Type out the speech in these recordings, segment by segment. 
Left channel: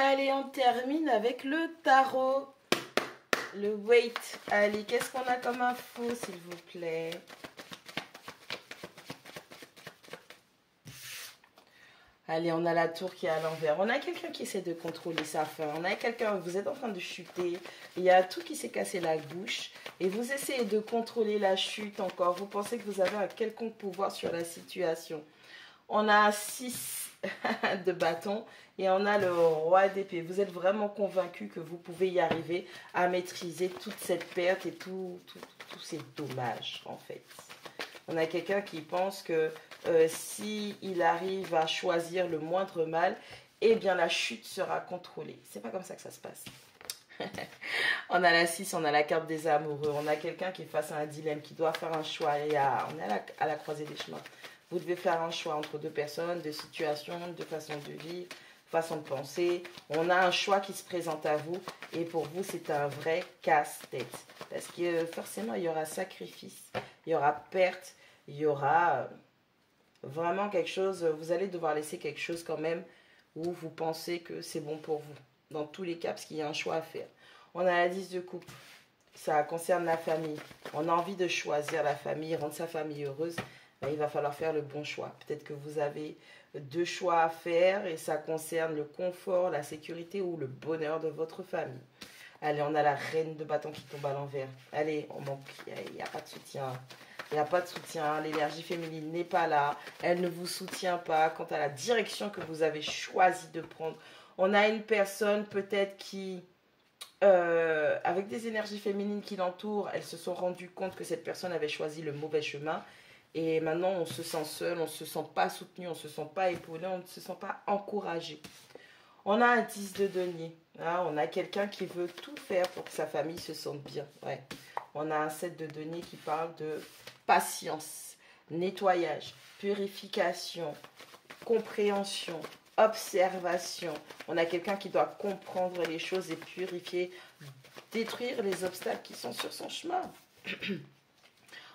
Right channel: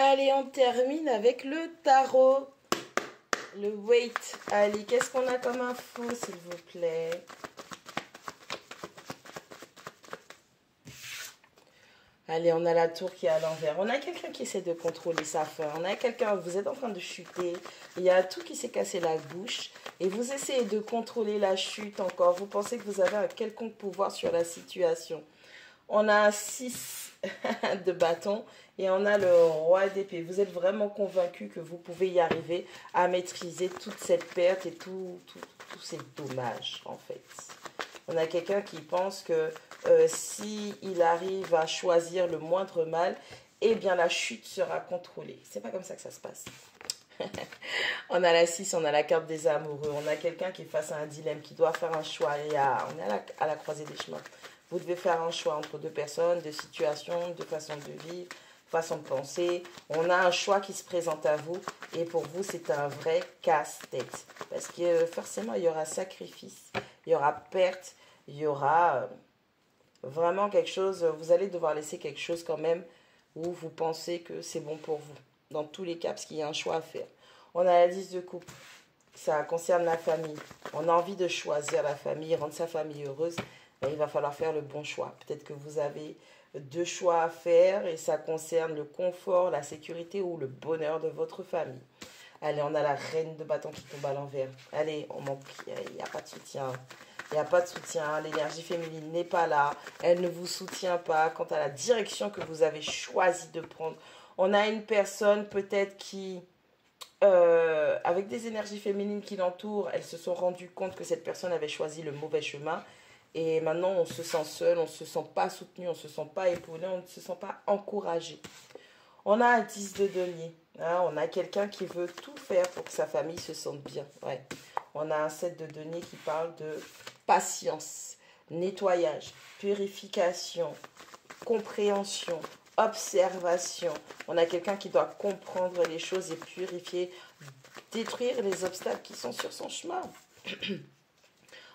Allez, on termine avec le tarot. Le weight. Allez, qu'est-ce qu'on a comme info, s'il vous plaît? Allez, on a la tour qui est à l'envers. On a quelqu'un qui essaie de contrôler sa faim. On a quelqu'un, vous êtes en train de chuter. Il y a tout qui s'est cassé la bouche. Et vous essayez de contrôler la chute encore. Vous pensez que vous avez un quelconque pouvoir sur la situation. On a 6 de bâton et on a le roi d'épée. Vous êtes vraiment convaincu que vous pouvez y arriver à maîtriser toute cette perte et tous ces dommages, en fait. On a quelqu'un qui pense que s'il arrive à choisir le moindre mal, eh bien la chute sera contrôlée. C'est pas comme ça que ça se passe. On a la 6, on a la carte des amoureux. On a quelqu'un qui est face à un dilemme, qui doit faire un choix. On est à la croisée des chemins. Vous devez faire un choix entre deux personnes, deux situations, deux façons de vivre, façon de penser. On a un choix qui se présente à vous et pour vous, c'est un vrai casse-tête. Parce que forcément, il y aura sacrifice, il y aura perte, il y aura vraiment quelque chose. Vous allez devoir laisser quelque chose quand même où vous pensez que c'est bon pour vous. Dans tous les cas, parce qu'il y a un choix à faire. On a la 10 de coupe. Ça concerne la famille. On a envie de choisir la famille, rendre sa famille heureuse. Ben, il va falloir faire le bon choix. Peut-être que vous avez deux choix à faire et ça concerne le confort, la sécurité ou le bonheur de votre famille. Allez, on a la reine de bâton qui tombe à l'envers. Allez, il n'y a pas de soutien. Il n'y a pas de soutien. L'énergie féminine n'est pas là. Elle ne vous soutient pas quant à la direction que vous avez choisi de prendre. On a une personne peut-être qui, avec des énergies féminines qui l'entourent, elles se sont rendues compte que cette personne avait choisi le mauvais chemin. Et maintenant, on se sent seul, on ne se sent pas soutenu, on ne se sent pas épaulé, on ne se sent pas encouragé. On a un 10 de denier. Hein, on a quelqu'un qui veut tout faire pour que sa famille se sente bien. Ouais. On a un 7 de denier qui parle de patience, nettoyage, purification, compréhension, observation. On a quelqu'un qui doit comprendre les choses et purifier, détruire les obstacles qui sont sur son chemin.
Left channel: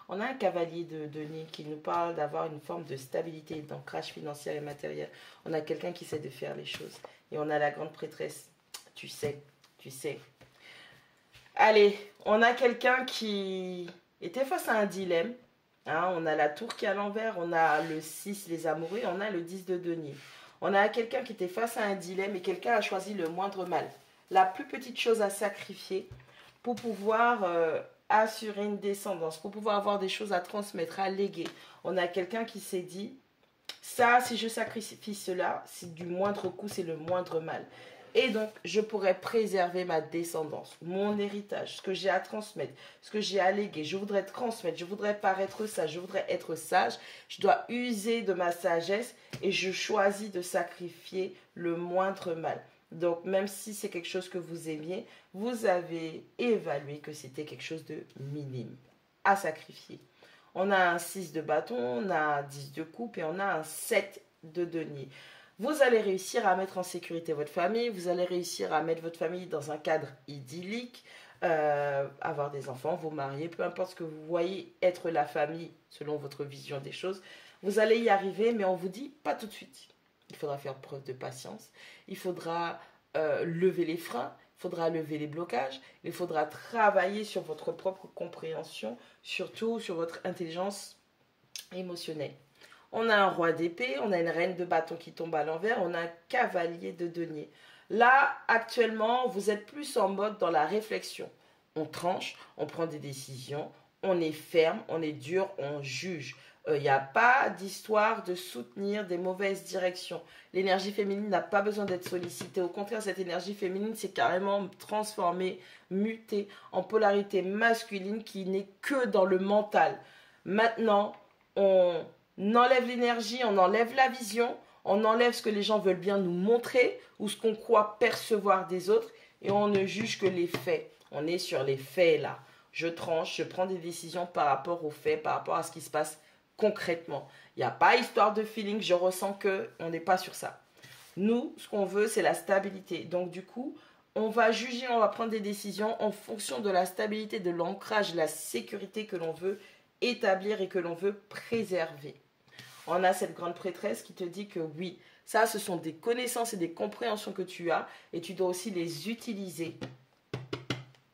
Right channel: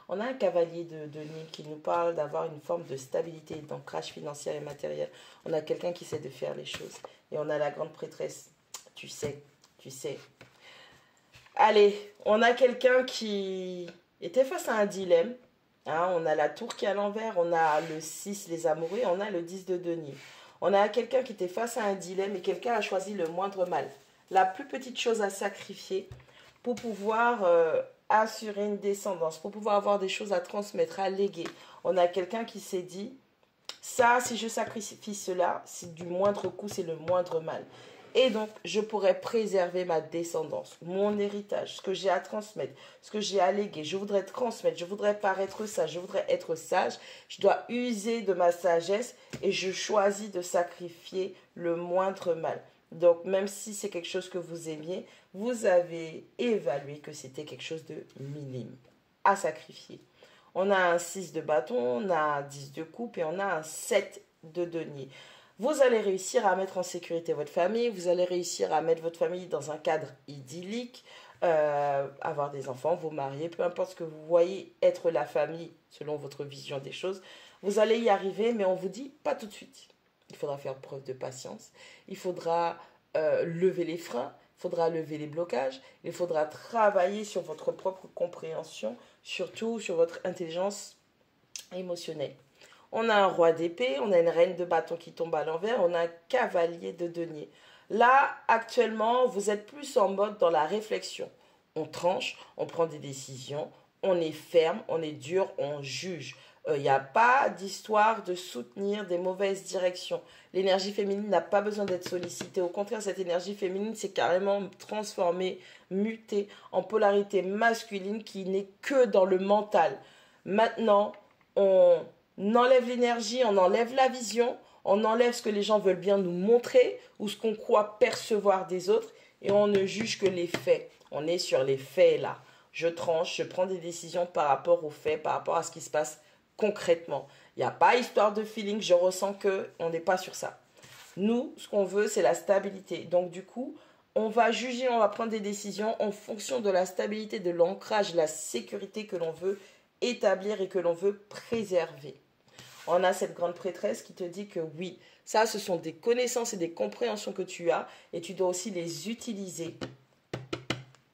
On a un cavalier de denier qui nous parle d'avoir une forme de stabilité, d'ancrage financier et matériel. On a quelqu'un qui sait de faire les choses. Et on a la grande prêtresse. Tu sais, tu sais. Allez, on a quelqu'un qui était face à un dilemme. Hein, on a la tour qui est à l'envers, on a le 6, les amoureux, et on a le 10 de denier. On a quelqu'un qui était face à un dilemme et quelqu'un a choisi le moindre mal. La plus petite chose à sacrifier pour pouvoir assurer une descendance, pour pouvoir avoir des choses à transmettre, à léguer. On a quelqu'un qui s'est dit, ça, si je sacrifie cela, c'est du moindre coût, c'est le moindre mal. Et donc, je pourrais préserver ma descendance, mon héritage, ce que j'ai à transmettre, ce que j'ai à léguer. Je voudrais transmettre, je voudrais paraître sage, je voudrais être sage. Je dois user de ma sagesse et je choisis de sacrifier le moindre mal. Donc, même si c'est quelque chose que vous aimiez, vous avez évalué que c'était quelque chose de minime à sacrifier. On a un 6 de bâton, on a un 10 de coupe et on a un 7 de denier. Vous allez réussir à mettre en sécurité votre famille, vous allez réussir à mettre votre famille dans un cadre idyllique, avoir des enfants, vous marier, peu importe ce que vous voyez être la famille selon votre vision des choses. Vous allez y arriver, mais on vous dit pas tout de suite. Il faudra faire preuve de patience, il faudra lever les freins, il faudra lever les blocages, il faudra travailler sur votre propre compréhension, surtout sur votre intelligence émotionnelle. On a un roi d'épée, on a une reine de bâton qui tombe à l'envers, on a un cavalier de denier. Là, actuellement, vous êtes plus en mode dans la réflexion. On tranche, on prend des décisions, on est ferme, on est dur, on juge. Il n'y a pas d'histoire de soutenir des mauvaises directions. L'énergie féminine n'a pas besoin d'être sollicitée. Au contraire, cette énergie féminine s'est carrément transformée, mutée en polarité masculine qui n'est que dans le mental. Maintenant, on enlève l'énergie, on enlève la vision, on enlève ce que les gens veulent bien nous montrer ou ce qu'on croit percevoir des autres et on ne juge que les faits. On est sur les faits là. Je tranche, je prends des décisions par rapport aux faits, par rapport à ce qui se passe concrètement. Il n'y a pas histoire de feeling, je ressens qu'on n'est pas sur ça. Nous, ce qu'on veut, c'est la stabilité. Donc du coup, on va juger, on va prendre des décisions en fonction de la stabilité, de l'ancrage, de la sécurité que l'on veut établir et que l'on veut préserver. on a cette grande prêtresse qui te dit que oui, ça, ce sont des connaissances et des compréhensions que tu as et tu dois aussi les utiliser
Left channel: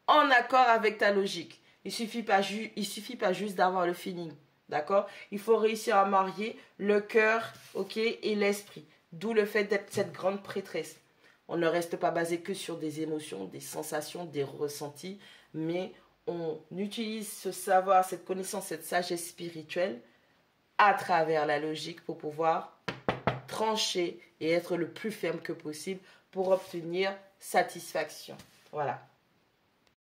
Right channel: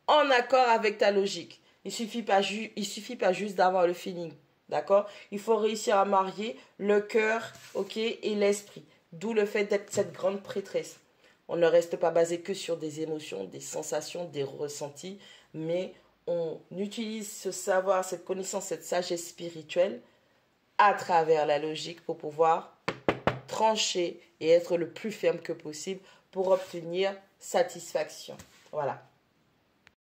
en accord avec ta logique. Il suffit pas juste d'avoir le feeling, d'accord? Il faut réussir à marier le cœur, ok, et l'esprit. D'où le fait d'être cette grande prêtresse. On ne reste pas basé que sur des émotions, des sensations, des ressentis, mais on utilise ce savoir, cette connaissance, cette sagesse spirituelle à travers la logique pour pouvoir trancher et être le plus ferme que possible pour obtenir satisfaction. Voilà.